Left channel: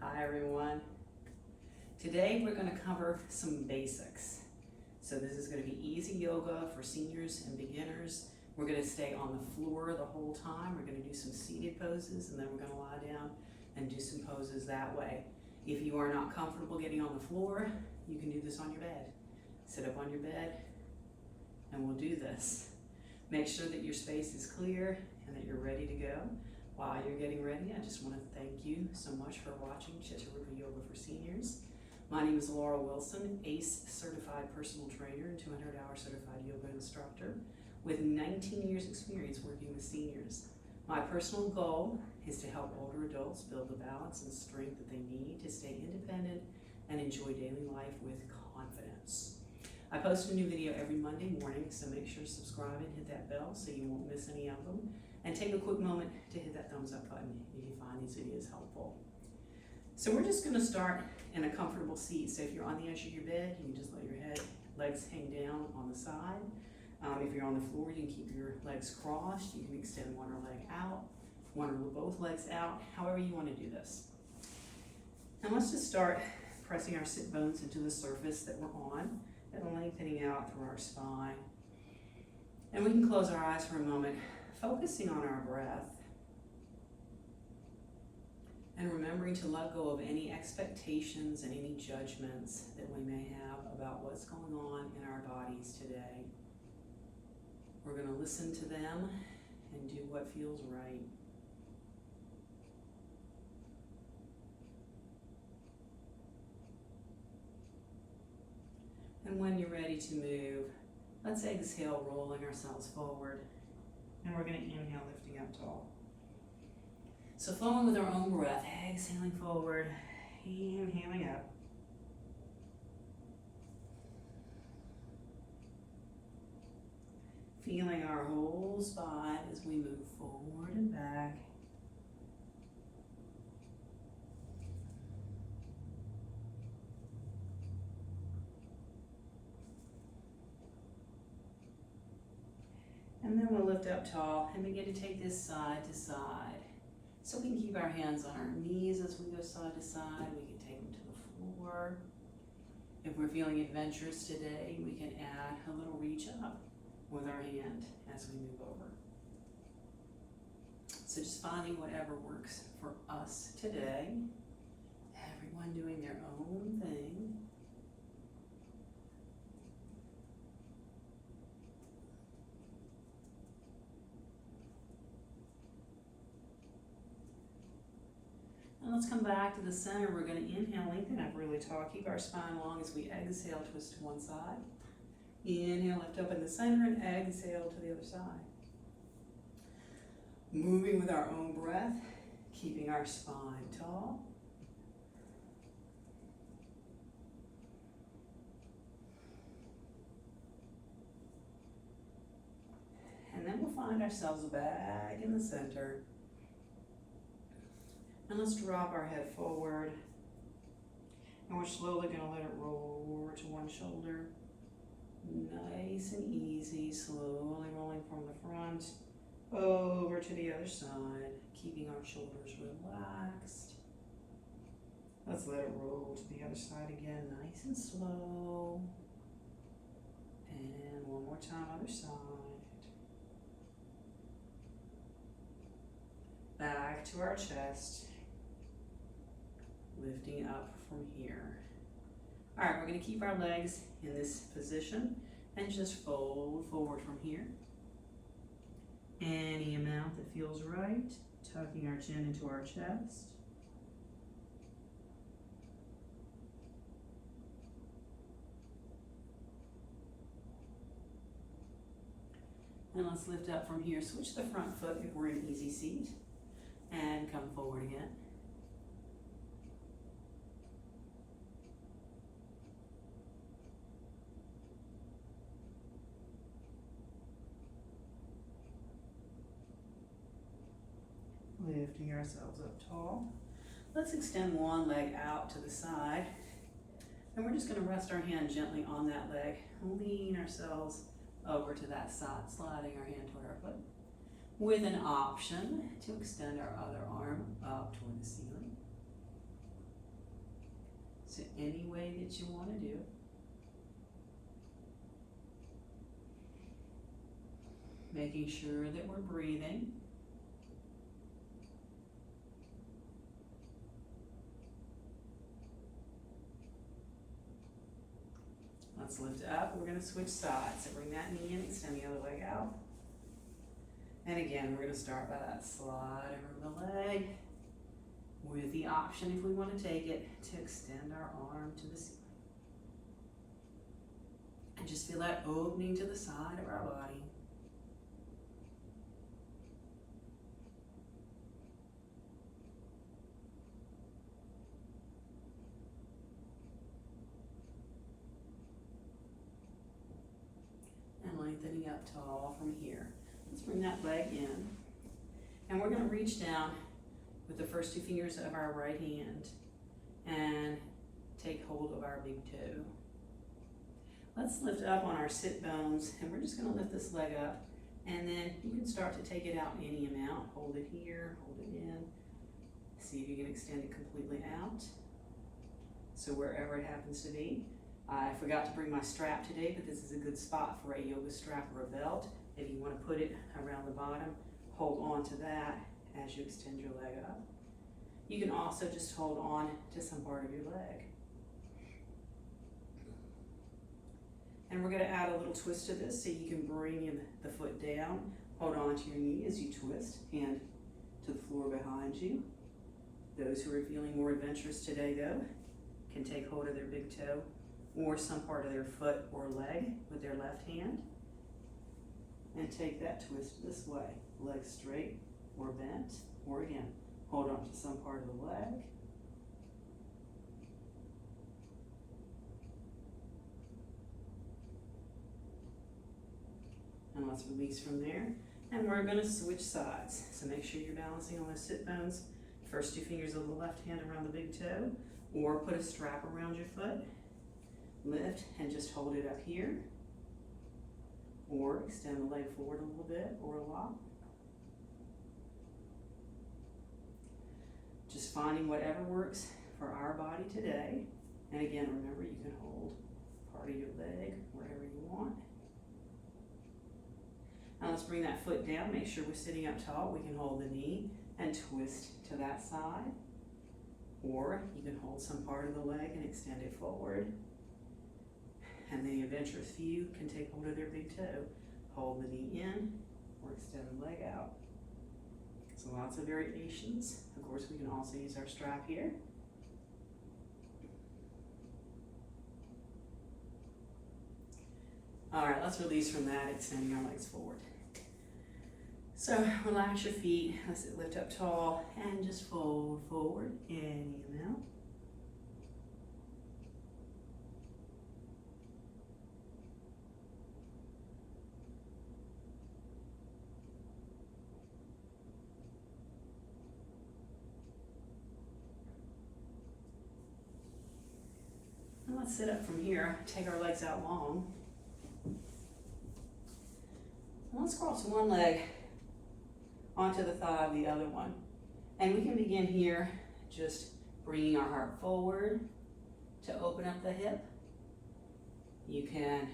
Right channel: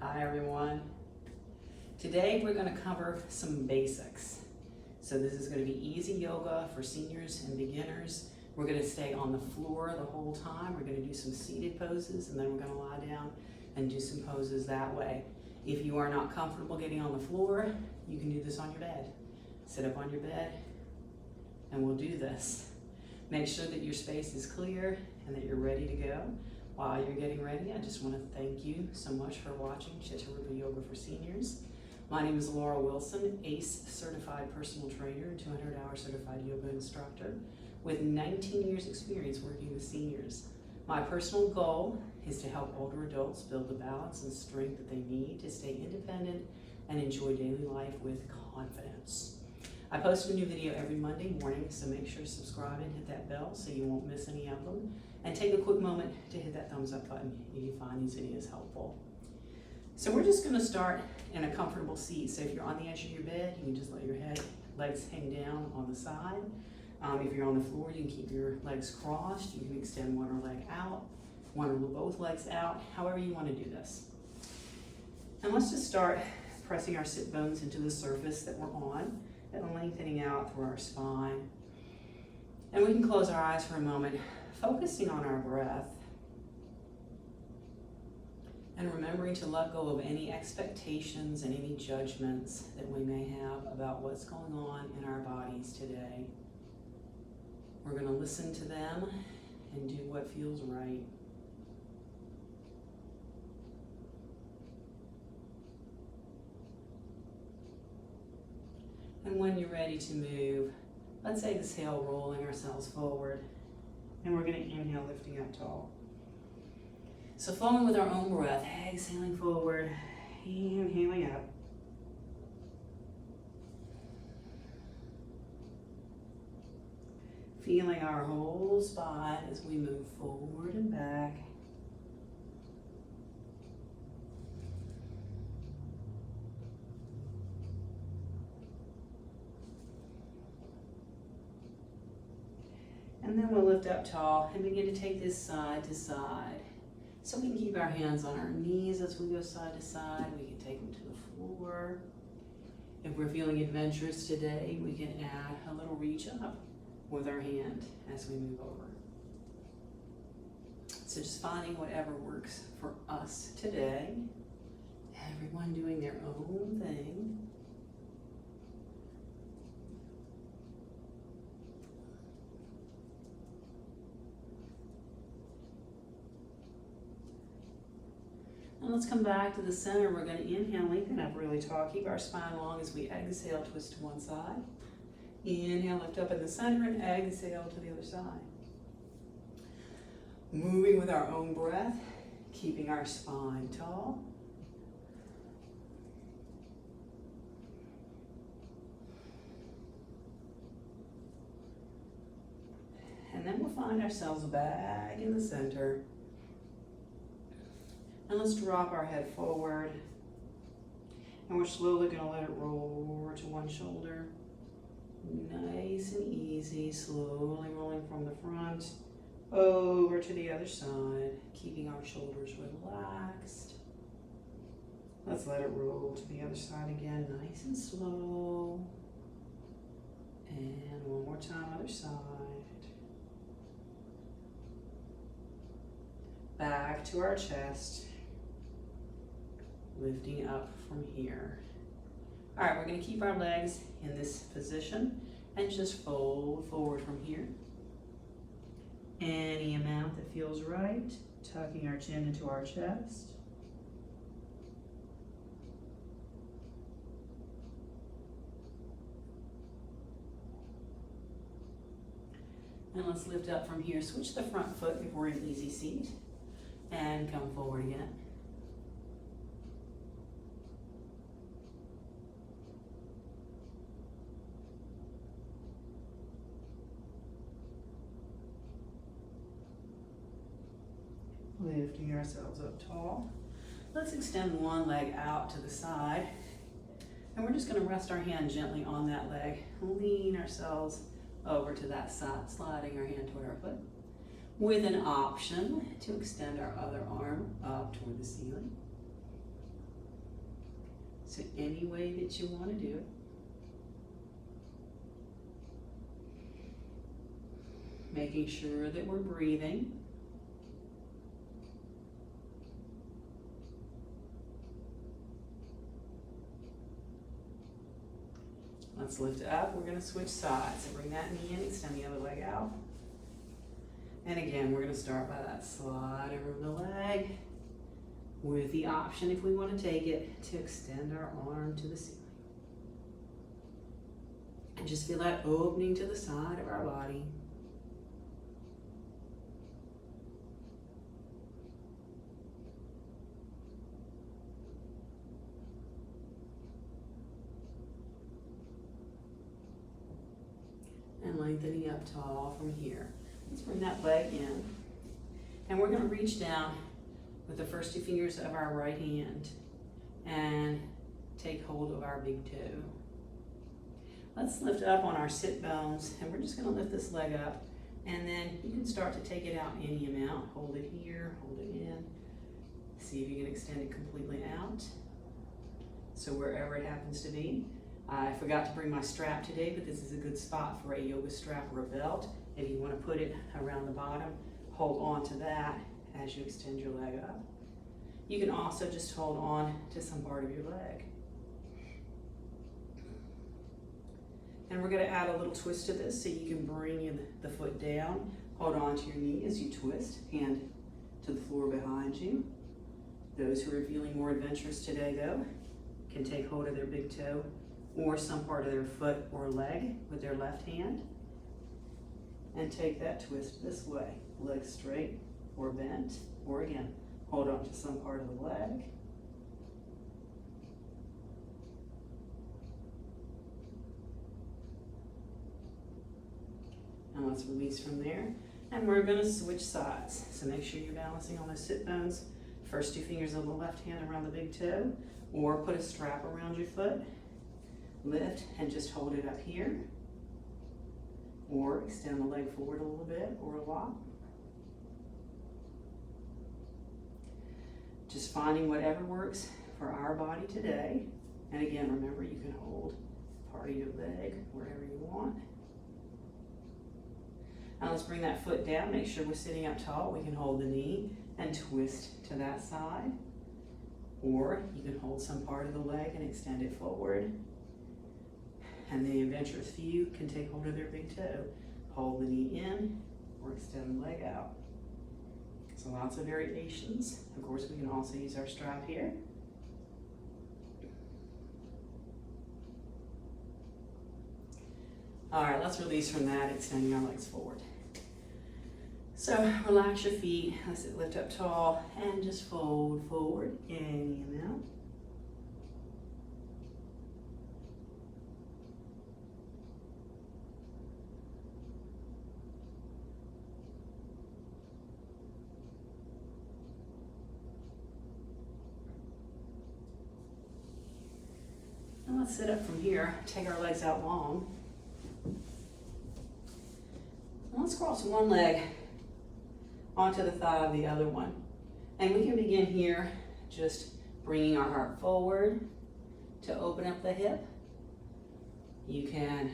Hi everyone. Today we're going to cover some basics. So this is going to be easy yoga for seniors and beginners. We're going to stay on the floor the whole time. We're going to do some seated poses and then we're going to lie down and do some poses that way. If you are not comfortable getting on the floor, you can do this on your bed. Sit up on your bed and we'll do this. Make sure that your space is clear and that you're ready to go. While you're getting ready, I just want to thank you so much for watching Chitta-Rupa Yoga for Seniors. My name is Laura Wilson, ACE certified personal trainer and 200-hour certified yoga instructor with 19 years experience working with seniors. My personal goal is to help older adults build the balance and strength that they need to stay independent and enjoy daily life with confidence. I post a new video every Monday morning, so make sure to subscribe and hit that bell so you won't miss any of them. And take a quick moment to hit that thumbs up button if you find these videos helpful. So we're just gonna start in a comfortable seat. So if you're on the edge of your bed, you can just let your legs hang down on the side. If you're on the floor, you can keep your legs crossed. You can extend one leg out, one or both legs out, however you wanna do this. And let's just start pressing our sit bones into the surface that we're on and lengthening out through our spine. And we can close our eyes for a moment, focusing on our breath and remembering to let go of any expectations and any judgments that we may have about what's going on in our bodies today. We're going to listen to them and do what feels right. And when you're ready to move, let's exhale, rolling ourselves forward. And we're going to inhale, lifting up tall. So flowing with our own breath, exhaling forward, inhaling up. Feeling our whole spine as we move forward and back. And then we'll lift up tall and begin to take this side to side. So we can keep our hands on our knees as we go side to side. We can take them to the floor. If we're feeling adventurous today, we can add a little reach up with our hand as we move over. So just finding whatever works for us today. Everyone doing their own thing. And let's come back to the center. We're going to inhale, lengthen up really tall. Keep our spine long as we exhale, twist to one side. Inhale, lift up in the center, and exhale to the other side. Moving with our own breath, keeping our spine tall. And then we'll find ourselves back in the center. And let's drop our head forward. And we're slowly going to let it roll over to one shoulder. Nice and easy, slowly rolling from the front over to the other side, keeping our shoulders relaxed. Let's let it roll to the other side again, nice and slow. And one more time, other side. Back to our chest. Lifting up from here. All right, we're going to keep our legs in this position and just fold forward from here. Any amount that feels right, tucking our chin into our chest. And let's lift up from here. Switch the front foot if we're in easy seat and come forward again. Lifting ourselves up tall. Let's extend one leg out to the side. And we're just going to rest our hand gently on that leg. Lean ourselves over to that side, sliding our hand toward our foot. With an option to extend our other arm up toward the ceiling. So any way that you want to do it. Making sure that we're breathing. Let's lift up. We're going to switch sides. So bring that knee in, extend the other leg out. And again, we're going to start by that slide over the leg with the option, if we want to take it, to extend our arm to the ceiling. And just feel that opening to the side of our body. And lengthening up tall from here. Let's bring that leg in. And we're going to reach down with the first two fingers of our right hand and take hold of our big toe. Let's lift up on our sit bones, and we're just going to lift this leg up, and then you can start to take it out any amount. Hold it here, hold it in. See if you can extend it completely out. So wherever it happens to be. I forgot to bring my strap today, but this is a good spot for a yoga strap or a belt. If you want to put it around the bottom, hold on to that as you extend your leg up. You can also just hold on to some part of your leg. And we're going to add a little twist to this, so you can bring in the foot down, hold on to your knee as you twist, hand to the floor behind you. Those who are feeling more adventurous today, though, can take hold of their big toe or some part of their foot or leg with their left hand and take that twist this way. Leg straight or bent, or again, hold on to some part of the leg. And let's release from there. And we're going to switch sides. So make sure you're balancing on those sit bones. First two fingers of the left hand around the big toe, or put a strap around your foot. Lift and just hold it up here, or extend the leg forward a little bit or a lot. Just finding whatever works for our body today. And again, remember, you can hold part of your leg wherever you want. Now let's bring that foot down. Make sure we're sitting up tall. We can hold the knee and twist to that side, or you can hold some part of the leg and extend it forward. And the adventurous few can take hold of their big toe, hold the knee in, or extend the leg out. So lots of variations. Of course, we can also use our strap here. All right, let's release from that, extending our legs forward. So relax your feet, let's lift up tall, and just fold forward any amount. And let's sit up from here, take our legs out long. And let's cross one leg onto the thigh of the other one. And we can begin here, just bringing our heart forward to open up the hip. You can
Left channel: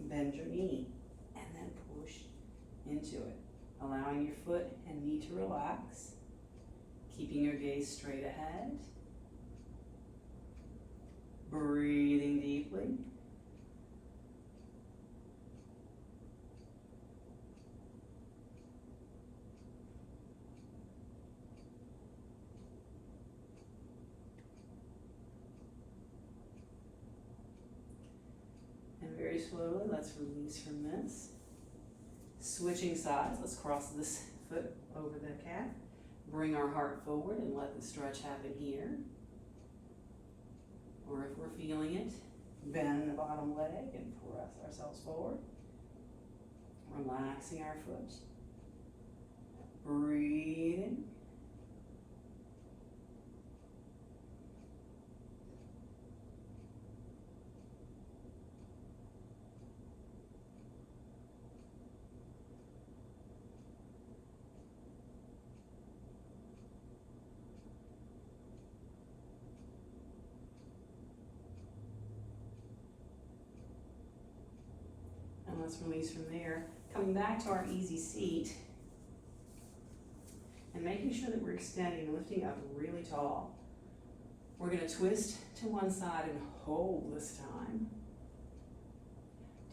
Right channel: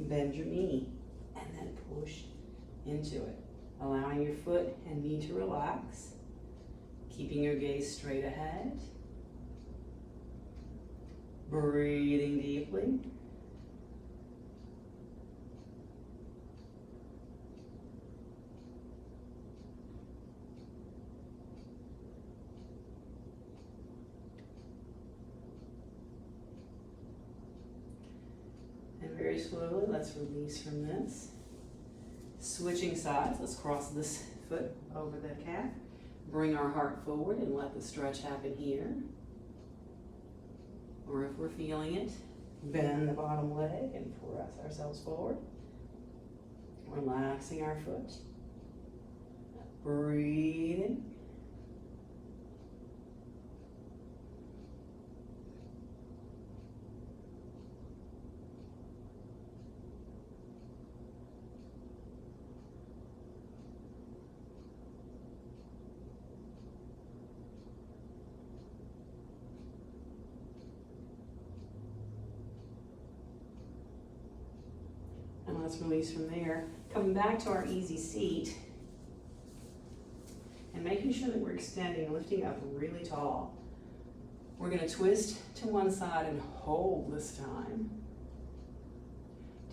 bend your knee and then push into it, allowing your foot and knee to relax, keeping your gaze straight ahead. Breathing deeply. And very slowly, let's release from this. Switching sides, let's cross this foot over the calf. Bring our heart forward and let the stretch happen here. Or if we're feeling it, bend the bottom leg and press ourselves forward. Relaxing our foot. Breathing. let's release from there. Coming back to our easy seat and making sure that we're extending, lifting up really tall. We're gonna twist to one side and hold this time.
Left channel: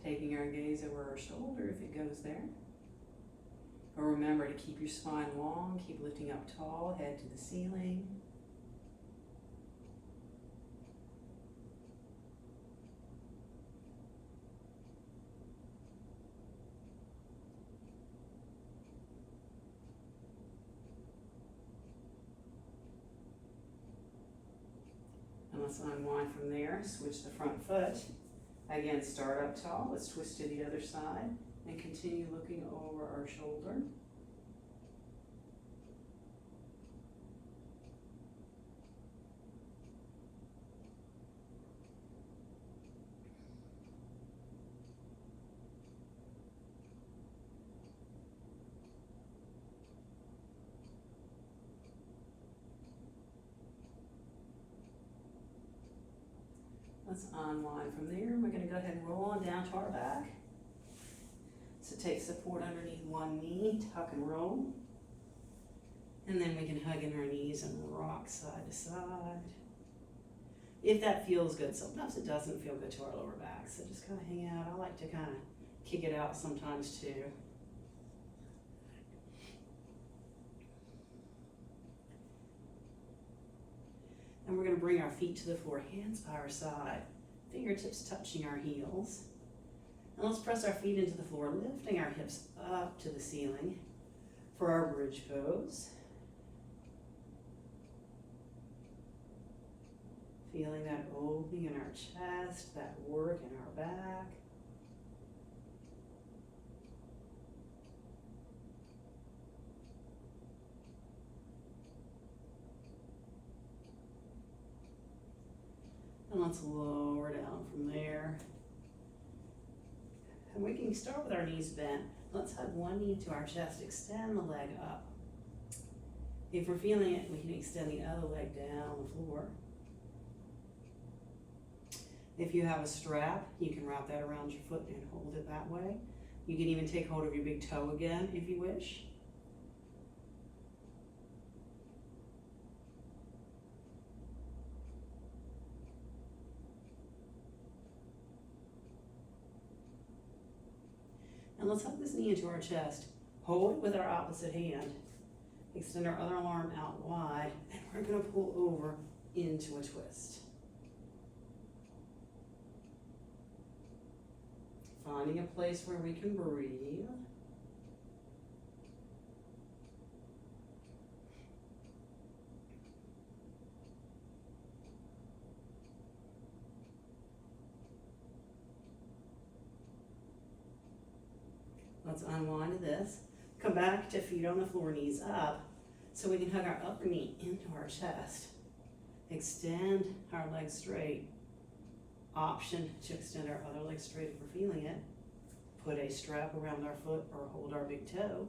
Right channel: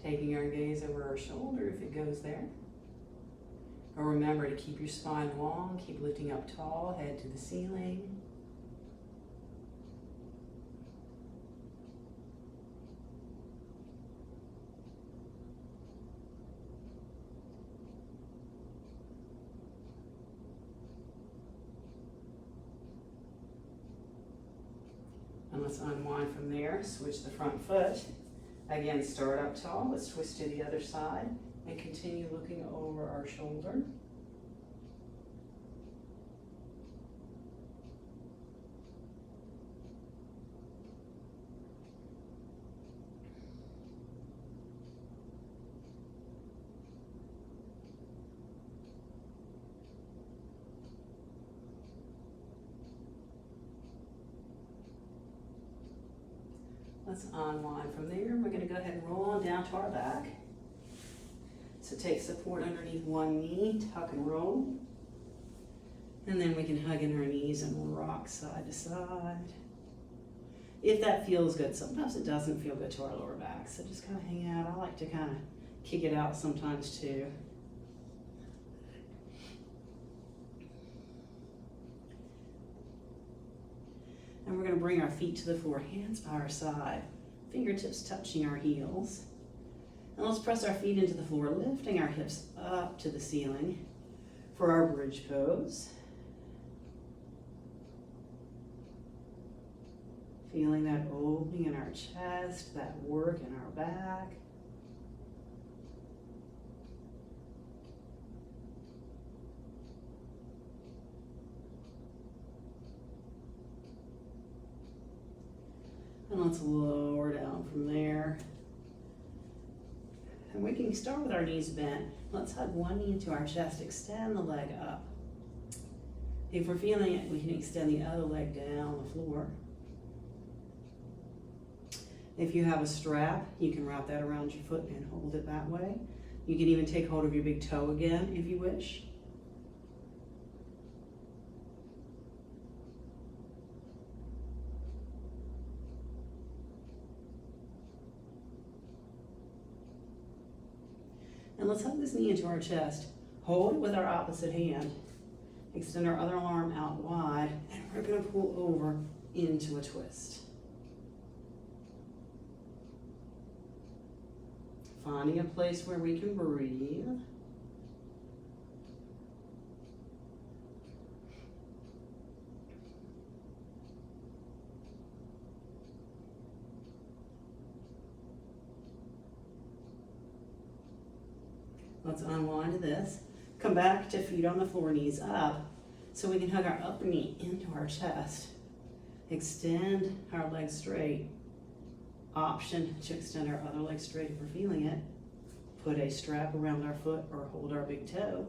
Taking our gaze over our shoulder if it goes there. But remember to keep your spine long, keep lifting up tall, head to the ceiling. And let's unwind from there, switch the front foot. Again, start up tall, let's twist to the other side and continue looking over our shoulder. Let's unwind from there. We're going to go ahead and roll on down to our back. So take support underneath one knee, tuck and roll. And then we can hug in our knees and rock side to side. If that feels good, sometimes it doesn't feel good to our lower back. So just kind of hang out. I like to kind of kick it out sometimes too. And we're going to bring our feet to the floor, hands by our side, fingertips touching our heels. And let's press our feet into the floor, lifting our hips up to the ceiling for our bridge pose. Feeling that opening in our chest, that work in our back. And let's lower down from there. And we can start with our knees bent. Let's hug one knee into our chest, extend the leg up. If we're feeling it, we can extend the other leg down the floor. If you have a strap, you can wrap that around your foot and hold it that way. You can even take hold of your big toe again if you wish. And let's hug this knee into our chest. Hold it with our opposite hand. Extend our other arm out wide, and we're going to pull over into a twist. Finding a place where we can breathe. Let's unwind this. Come back to feet on the floor, knees up, so we can hug our upper knee into our chest. Extend our legs straight. Option to extend our other leg straight if we're feeling it. Put a strap around our foot or hold our big toe.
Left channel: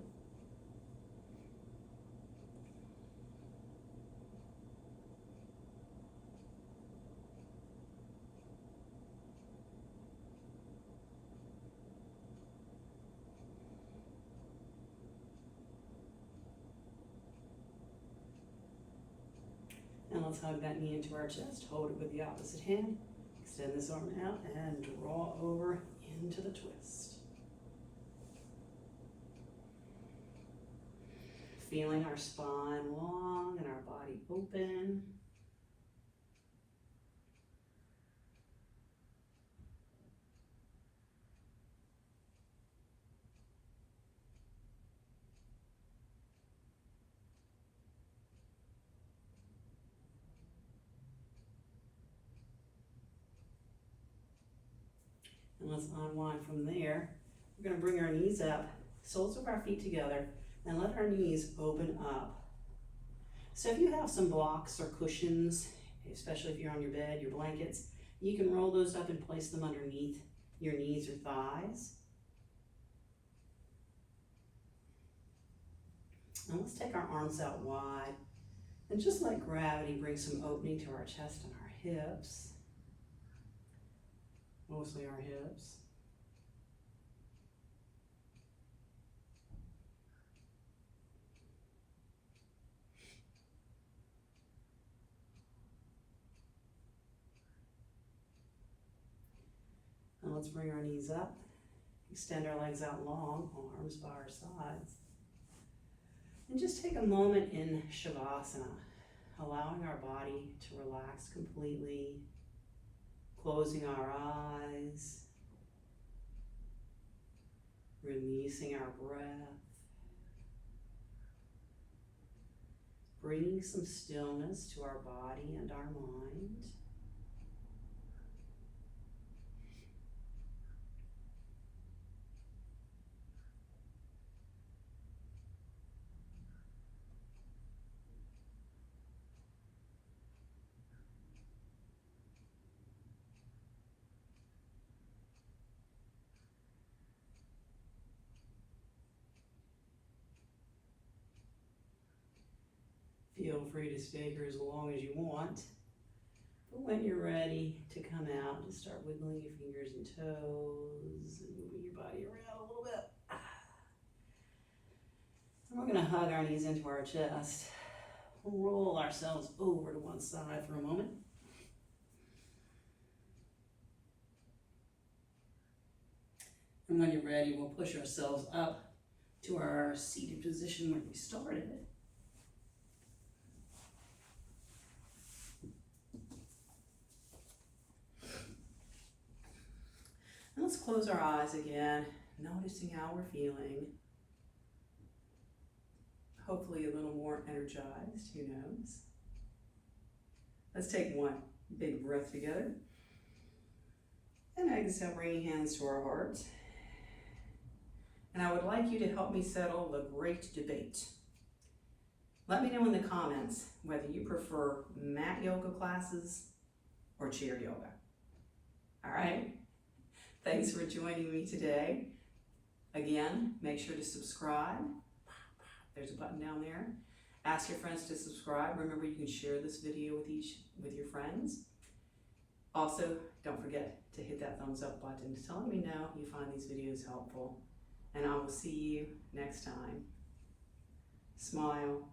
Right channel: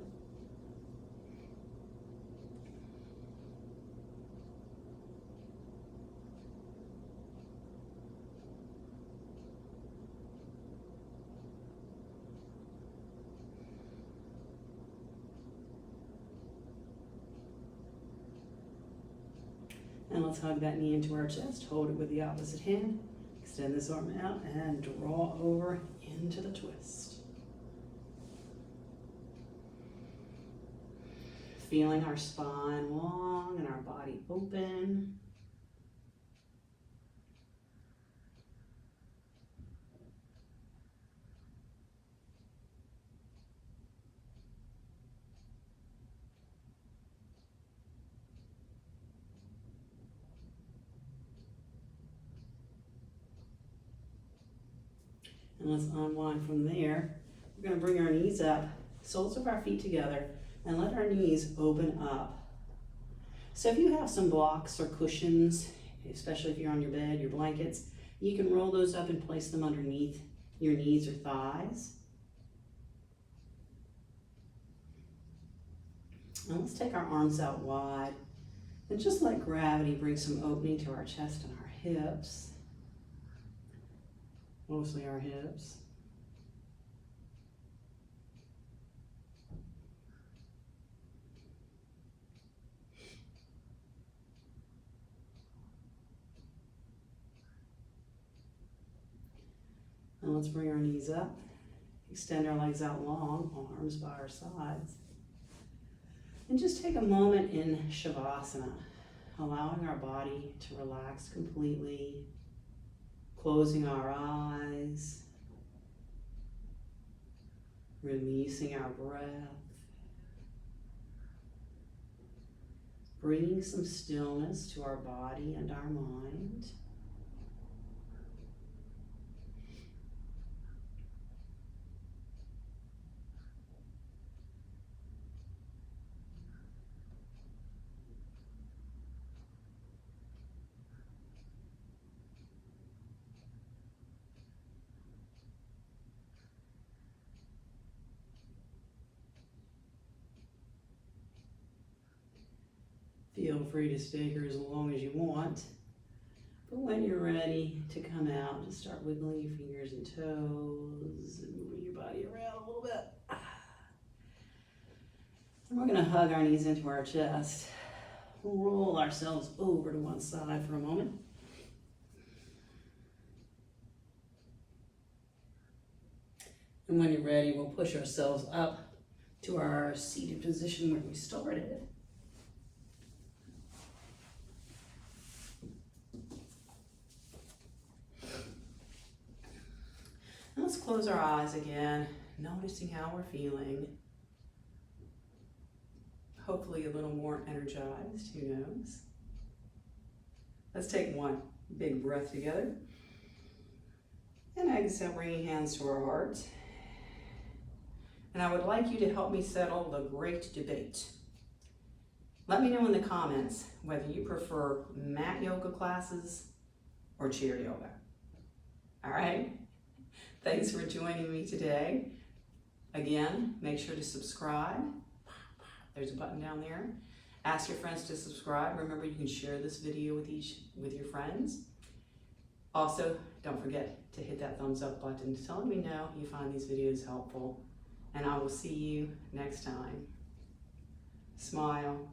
And let's hug that knee into our chest. Hold it with the opposite hand. Extend this arm out and draw over into the twist. Feeling our spine long and our body open. And let's unwind from there. We're going to bring our knees up, soles of our feet together, and let our knees open up. So if you have some blocks or cushions, especially if you're on your bed, your blankets, you can roll those up and place them underneath your knees or thighs. And let's take our arms out wide and just let gravity bring some opening to our chest and our hips. Mostly our hips. let's bring our knees up. Extend our legs out long, arms by our sides. And just take a moment in Shavasana, allowing our body to relax completely, closing our eyes, releasing our breath, bringing some stillness to our body and our mind. Feel free to stay here as long as you want. But when you're ready to come out, just start wiggling your fingers and toes and moving your body around a little bit. And we're going to hug our knees into our chest. We'll roll ourselves over to one side for a moment. And when you're ready, we'll push ourselves up to our seated position where we started. And let's close our eyes again, noticing how we're feeling. Hopefully a little more energized, who knows? Let's take one big breath together. And exhale, bringing hands to our heart. And I would like you to help me settle the great debate. Let me know in the comments whether you prefer mat yoga classes or chair yoga. All right? Thanks for joining me today. Again, make sure to subscribe. There's a button down there. Ask your friends to subscribe. Remember, you can share this video with your friends. Also, don't forget to hit that thumbs up button to let me know you find these videos helpful. And I will see you next time. Smile.